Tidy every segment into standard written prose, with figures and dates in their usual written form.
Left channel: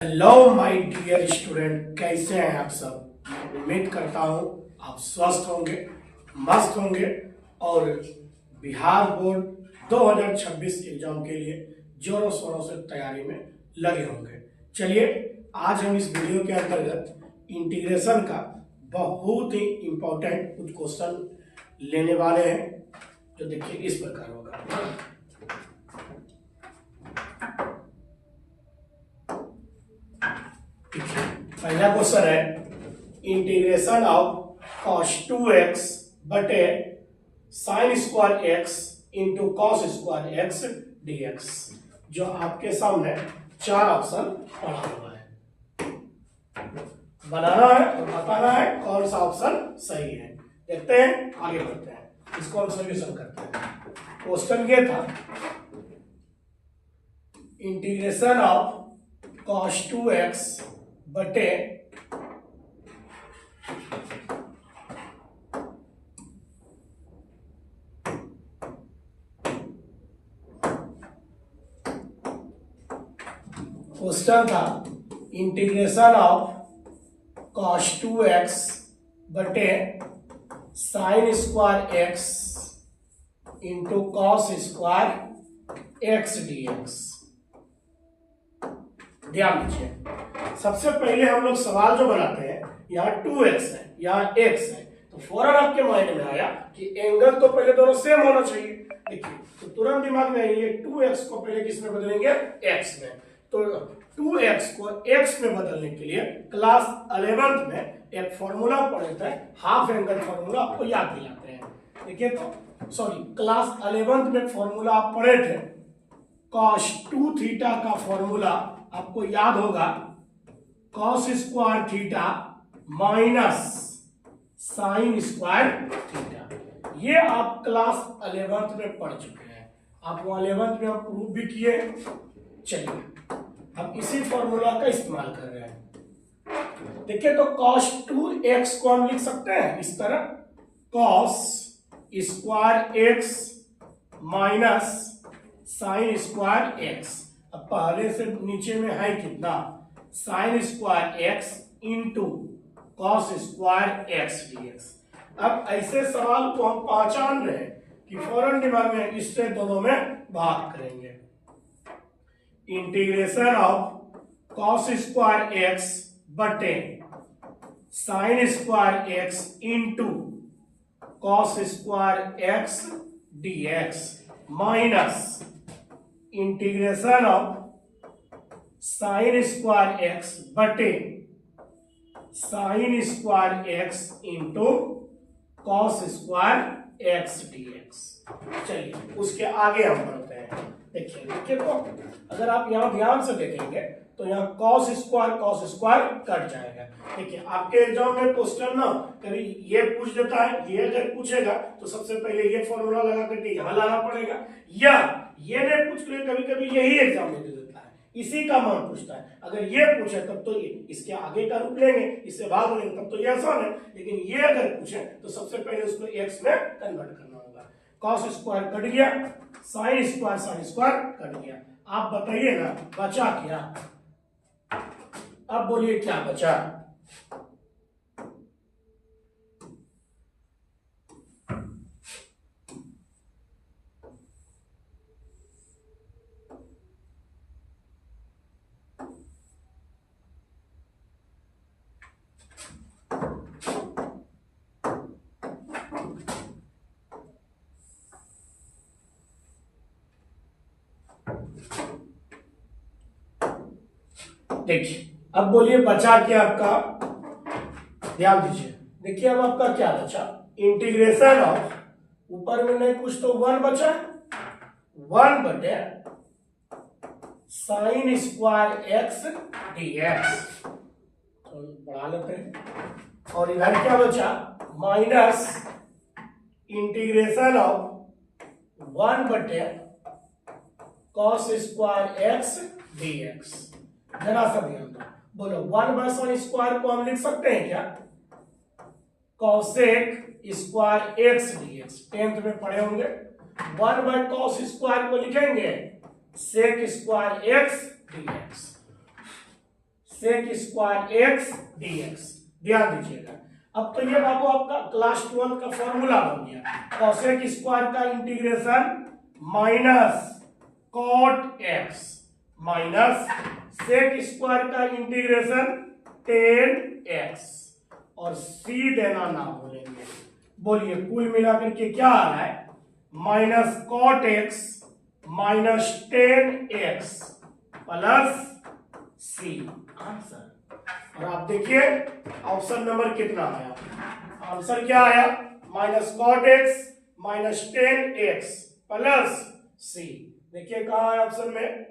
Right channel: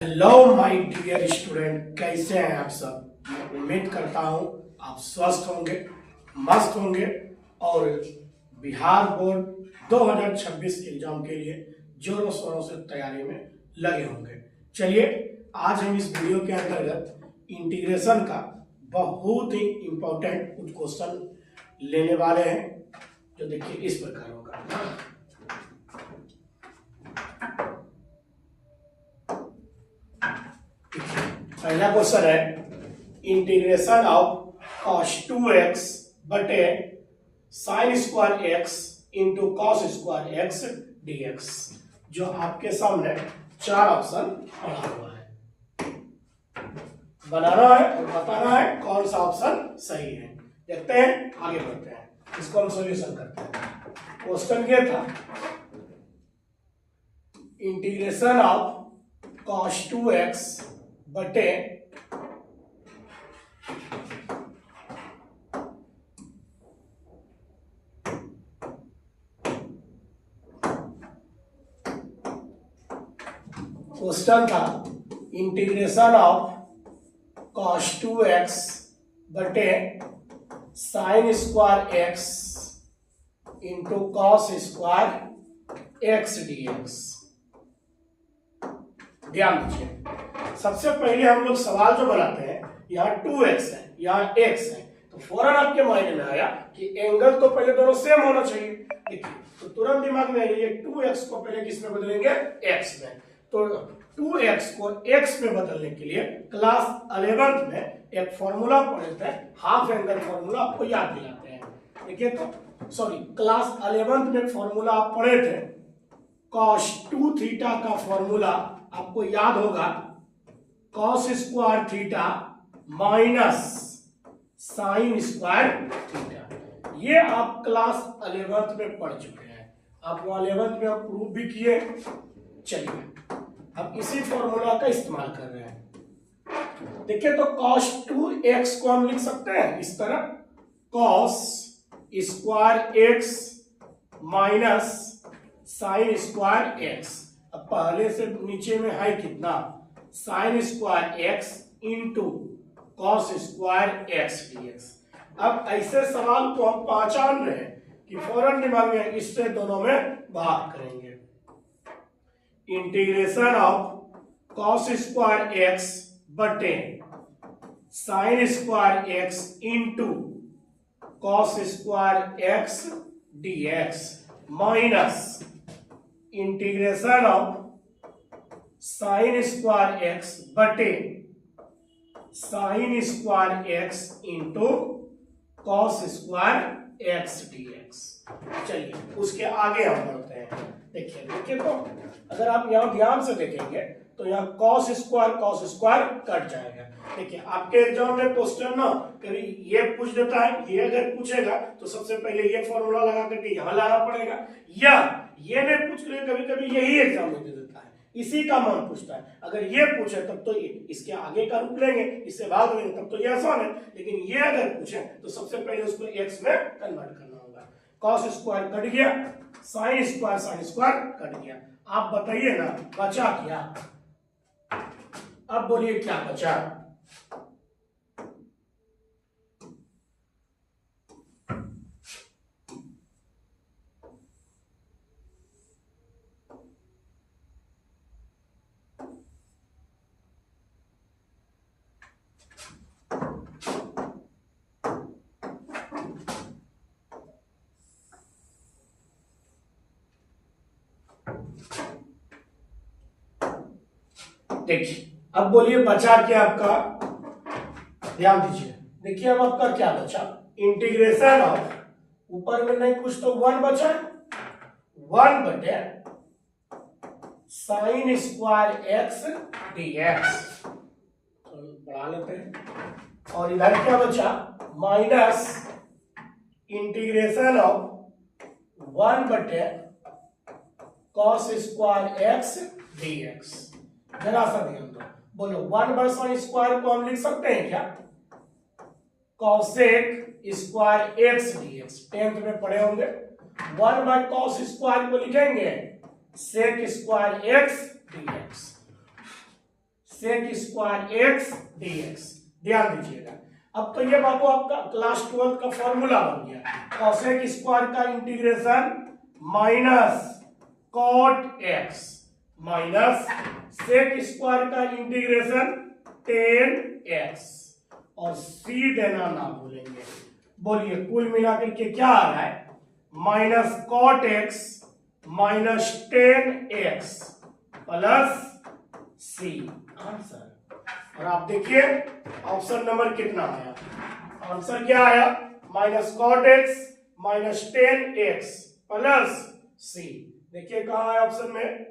Hello my dear student, कैसे हैं आप सब। उम्मीद करता हूं आप स्वस्थ होंगे, मस्त होंगे और बिहार बोर्ड 2026 एग्जाम के लिए जोरों शोरों से तैयारी में लगे होंगे। चलिए आज हम इस वीडियो के अंतर्गत इंटीग्रेशन का बहुत ही इंपॉर्टेंट कुछ क्वेश्चन लेने वाले हैं, जो देखिए इस प्रकार होगा। पहला क्वेश्चन है इंटीग्रेशन ऑफ cos 2x बटे sine square x into cos square x dx, जो आपके सामने चार ऑप्शन पड़ा हुआ है। बनाना है और बताना है कौन सा ऑप्शन सही है। देखते हैं, आगे बढ़ते हैं, इसको हम सॉल्यूशन करते हैं। क्वेश्चन ये था इंटीग्रेशन ऑफ cos 2x बटे क्वेश्चन था इंटीग्रेशन ऑफ cos 2x बटे sine square x into cos square x dx। ध्यान दीजिए, सबसे पहले हम लोग सवाल जो बनाते हैं, यहाँ 2x है, यहाँ x है, तो फौरन आपके माइंड में आया कि एंगल तो पहले दोनों सेम होना चाहिए। देखिए, तो तुरंत दिमाग में ये 2x को पहले किस में बदलेंगे, x में। तो 2x को x में बदलने के लिए क्लास 11th में एक फॉर्मूला पढ़े थे, हाफ एंगल फॉर्मूला, आपको याद दिलाते हैं। देखिए तो सॉरी, क्लास 11th में फॉर्मूला आप पढ़े थे, cos 2 थीटा का फॉर्मूला आपको याद होगा, cos square theta minus sine square theta. ये आप क्लास 11th में पढ़ चुके हैं, आप वो 11th में प्रूव भी किए। चलिए हम इसी फॉर्मूला का इस्तेमाल कर रहे हैं। देखिए तो cos 2x को हम लिख सकते हैं इस तरह, cos square x minus sine square x। अब पहले से नीचे में है कितना, sine square x into cos square x dx। अब ऐसे सवाल को हम पहचान रहे हैं कि फौरन दिमाग में इससे दोनों में भाग करेंगे। Integration of cos square x बटे sine square x into cos square x dx minus integration of sine square x बटे sine square x into cos square x dx। चलिए उसके आगे हम बढ़ते हैं। देखिए तो अगर आप यहाँ ध्यान से देखेंगे तो यहाँ cos स्क्वायर कट जाएगा। देखिए आपके एग्जाम में क्वेश्चन ना कभी ये पूछ देता है, ये अगर पूछेगा तो सबसे पहले ये फॉर्मूला लगा करके यहाँ लाना पड़ेगा, या ये नहीं पूछ ले, कभी कभी यही एग्जाम में दे देता है, इसी का मान पूछता है। अगर ये पूछे तब तो ये इसके आगे का रूप लेंगे, इससे भागेंगे, तब तो ये आसान है। लेकिन ये अगर पूछे तो सबसे पहले उसको x में कन्वर्ट करना होगा। cos स्क्वायर कट गया, साइन स्क्वायर कट गया। आप बताइए ना बचा क्या, अब बोलिए क्या बचा। देखिए अब बोलिए बचा क्या आपका, ध्यान दीजिए। देखिए अब आपका क्या बचा, इंटीग्रेशन ऑफ, ऊपर में नहीं कुछ तो 1 बचा, 1 बटे साइन स्क्वायर x dx, तो बढ़ा लेते हैं। और इधर क्या बचा, माइनस इंटीग्रेशन ऑफ 1 बटे कॉस स्क्वायर x dx। जरा सा ध्यान दो, बोलो 1 बाय साइन स्क्वायर को हम लिख सकते हैं क्या, cosec square x dx, 10th में पढ़े होंगे। 1 बाय कॉस स्क्वायर को लिखेंगे sec square x dx। Sec square x dx। ध्यान दीजिएगा, अब तो ये बाबू आपका क्लास 12 का फॉर्मूला बन गया। कॉसेक स्क्वायर का integration minus cot x minus sec square का इंटीग्रेशन टेन एक्स और सी देना ना भूलेंगे। बोलिए कुल मिलाकर के क्या आ रहा है, minus cot x minus ten x plus C answer. और आप देखिए ऑप्शन नंबर कितना आया, आंसर क्या आया, minus cot x minus ten x plus c. देखिए कहा है ऑप्शन में,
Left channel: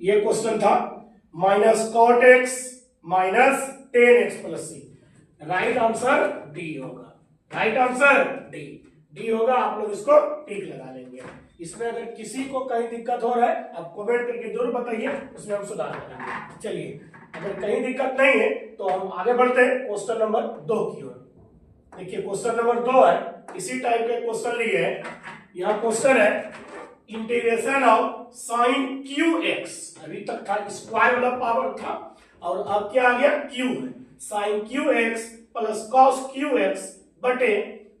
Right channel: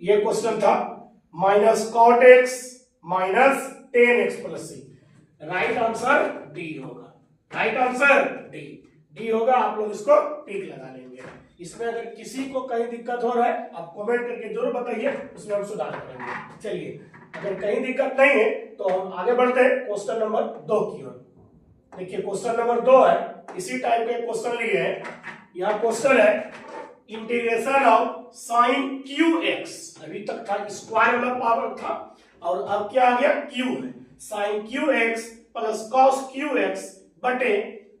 ये क्वेश्चन था minus cot x minus ten x plus c. Right answer D होगा, राइट आंसर डी, डी होगा। आप लोग इसको टिक लगा लेंगे। इसमें अगर किसी को कहीं दिक्कत हो रहा है आप कमेंट करके जरूर बताइए, उसमें हम सुधार करेंगे। चलिए अगर कहीं दिक्कत नहीं है तो हम आगे बढ़ते हैं क्वेश्चन नंबर 2 की ओर। देखिए क्वेश्चन नंबर 2 है, इसी टाइप का क्वेश्चन लिए है। यहाँ क्वेश्चन है integration of sine cube x. अभी तक था स्क्वायर वाला पावर था और अब क्या आ गया, क्यू है। Sine cube x plus cos cube x बटे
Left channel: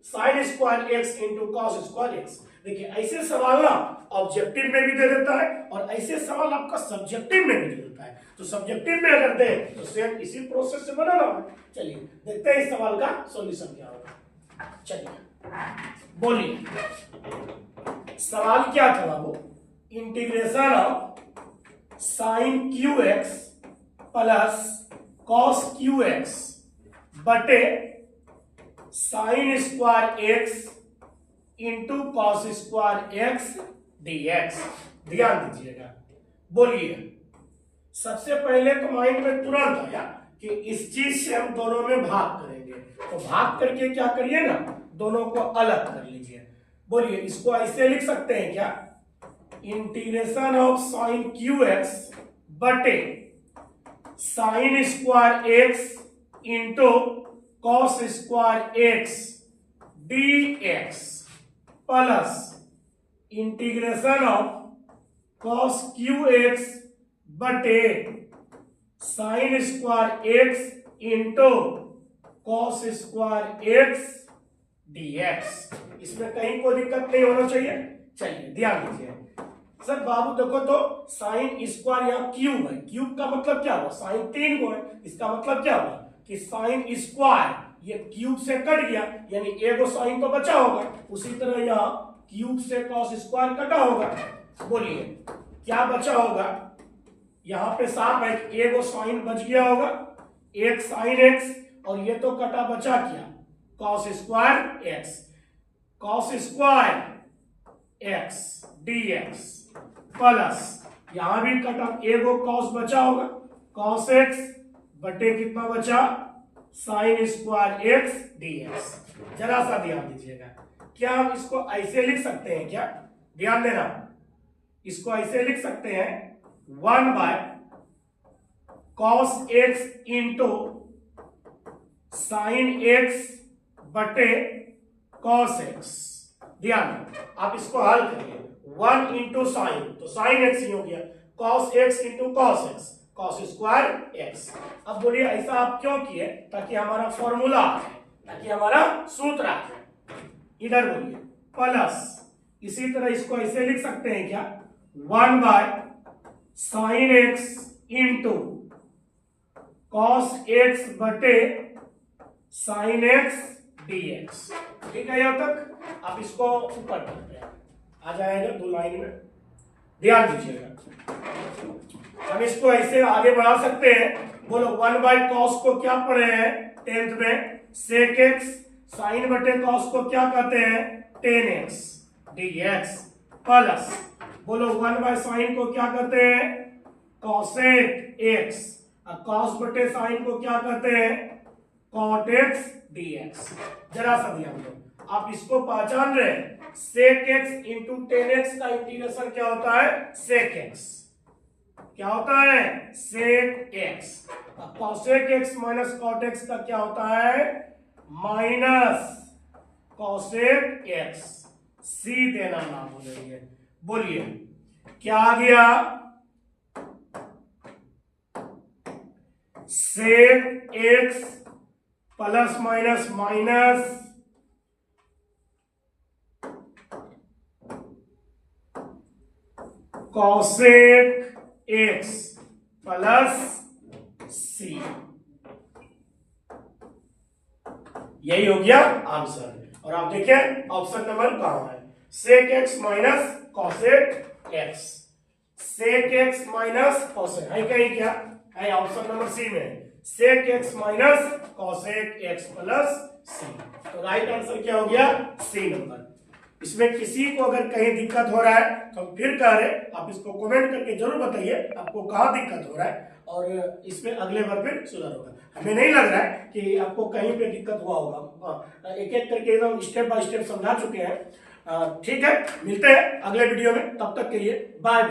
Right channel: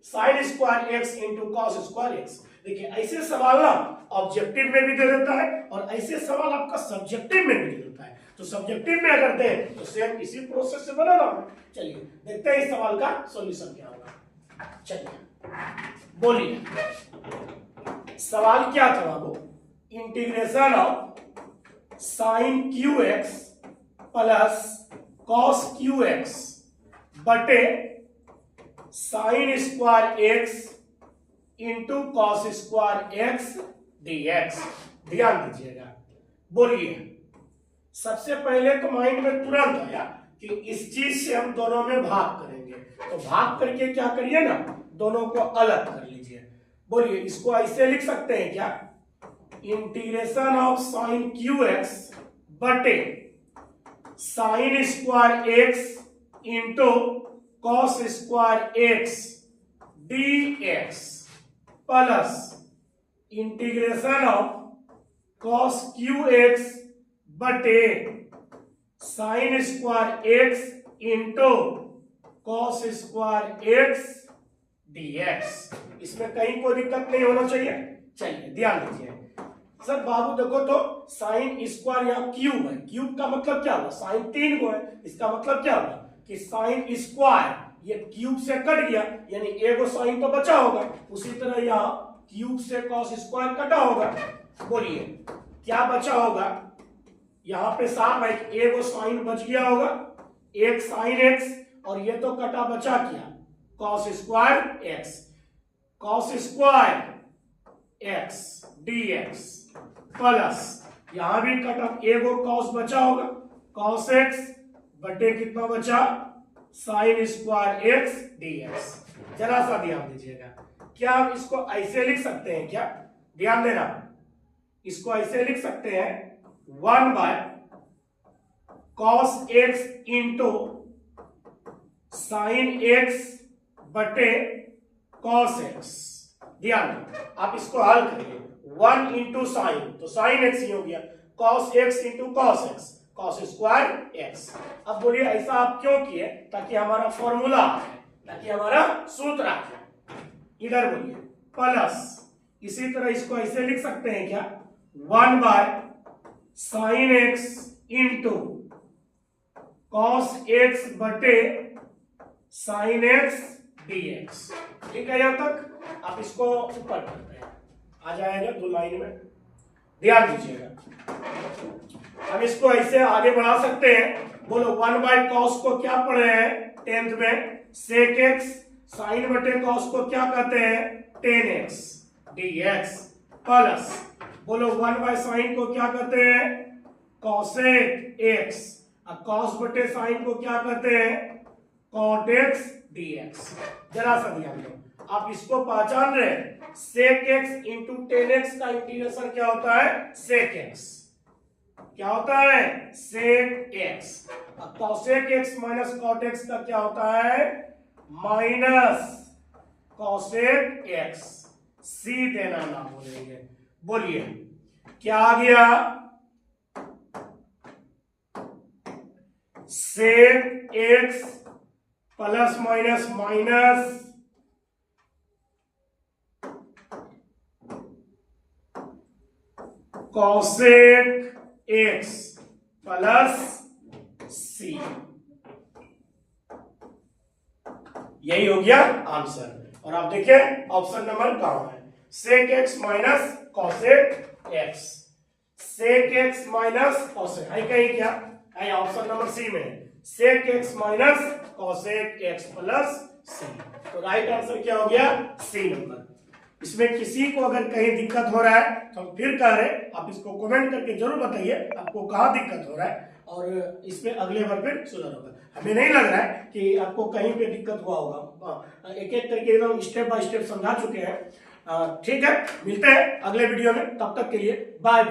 sine square x into cos square x. देखिए ऐसे सवाल ना ऑब्जेक्टिव में भी दे देता है और ऐसे सवाल आपका सब्जेक्टिव में भी दे देता है। तो सब्जेक्टिव में अगर दे तो सेम इसी प्रोसेस से बना रहा है। चलिए देखते हैं इस सवाल का सॉल्यूशन क्या होगा। चलिए बोलिए सवाल क्या था बाबू, integration of sine cube x plus cos cube x बटे sine square x into cos square x dx. ध्यान दीजिएगा, बोलिए सबसे पहले तो माइंड में तुरंत आया कि इस चीज से हम दोनों में भाग करेंगे, तो भाग करके क्या करिए ना, दोनों को अलग कर लीजिए। बोलिए इसको ऐसे लिख सकते हैं क्या, integration of sine cube x बटे sine square x into cos square x dx plus integration of cos cube x बटे sine square x into cos square x dx. इसमें कहीं कोई दिक्कत नहीं होना चाहिए। चलिए ध्यान दीजिए सर बाबू, देखो तो साइन स्क्वायर यहाँ क्यूब है, क्यूब का मतलब क्या हुआ, साइन 3 को है। इसका मतलब क्या हुआ कि साइन स्क्वायर ये क्यूब से कट गया, यानी एगो साइन तो बचा होगा। उसी तरह यहाँ क्यूब से कॉस स्क्वायर कटा होगा। बोलिए क्या बचा होगा, यहाँ पे साफ है कि एगो साइन बच गया होगा, एक साइन एक्स, और ये तो कटा बचा क्या, cos square x. Cos square x dx plus यहां भी कटा एगो कॉस बचा होगा, कॉस एक्स बटे कितना बचा, साइन स्क्वायर एक्स डीएक्स। जरा सा ध्यान दीजिएगा, क्या हम इसको ऐसे लिख सकते हैं क्या, ध्यान देना, इसको ऐसे लिख सकते हैं 1 by cos x into sine x बटे कॉस एक्स। ध्यान आप इसको हल करिए, 1 इंटू साइन तो साइन एक्स ही हो गया, cos x into cos x, cos square x. अब बोलिए ऐसा आप क्यों किए, ताकि हमारा फॉर्मूला आ जाए, ताकि हमारा सूत्र आ जाए। इधर बोलिए प्लस, इसी तरह इसको ऐसे लिख सकते हैं क्या, 1 by sine x into cos x बटे साइन एक्स डीएक्स। ठीक है, यहां तक आप इसको ऊपर करते हैं, आ जाएगा 2 लाइन में। ध्यान दीजिएगा, हम इसको ऐसे आगे बढ़ा सकते हैं। बोलो 1 बाय कॉस को क्या पढ़े हैं 10th में, सेक एक्स, साइन बटे कॉस को क्या कहते हैं, टेन एक्स डीएक्स प्लस बोलो 1 बाय साइन को क्या कहते हैं, कॉसेक एक्स, और कॉस बटे साइन को क्या कहते हैं, कॉट एक्स डीएक्स। जरा सा ध्यान दो, आप इसको पहचान रहे हैं, sec x into tan x का इंटीग्रेशन क्या होता है, सेक एक्स। क्या होता है, सेक एक्स। और cosec x minus cot x का क्या होता है, माइनस कॉसेक एक्स। सी देना ना भूलिए। बोलिए क्या आ गया, sec x plus minus minus cosec x plus c. यही हो गया आंसर। और आप देखिए ऑप्शन नंबर कहां है, sec x minus cosec x, sec x minus cosec है कहीं क्या है, ऑप्शन नंबर सी में है, sec x minus cosec x plus c. तो राइट आंसर क्या हो गया, सी नंबर। इसमें किसी को अगर कहीं दिक्कत हो रहा है तो हम फिर कह रहे, आप इसको कमेंट करके जरूर बताइए आपको कहाँ दिक्कत हो रहा है, और इसमें अगले बार फिर सुधार होगा। हमें नहीं लग रहा है कि आपको कहीं पे दिक्कत हुआ होगा, एक एक करके एकदम स्टेप बाय स्टेप समझा चुके हैं। ठीक है, मिलते हैं अगले वीडियो में, तब तक के लिए बाय बाय।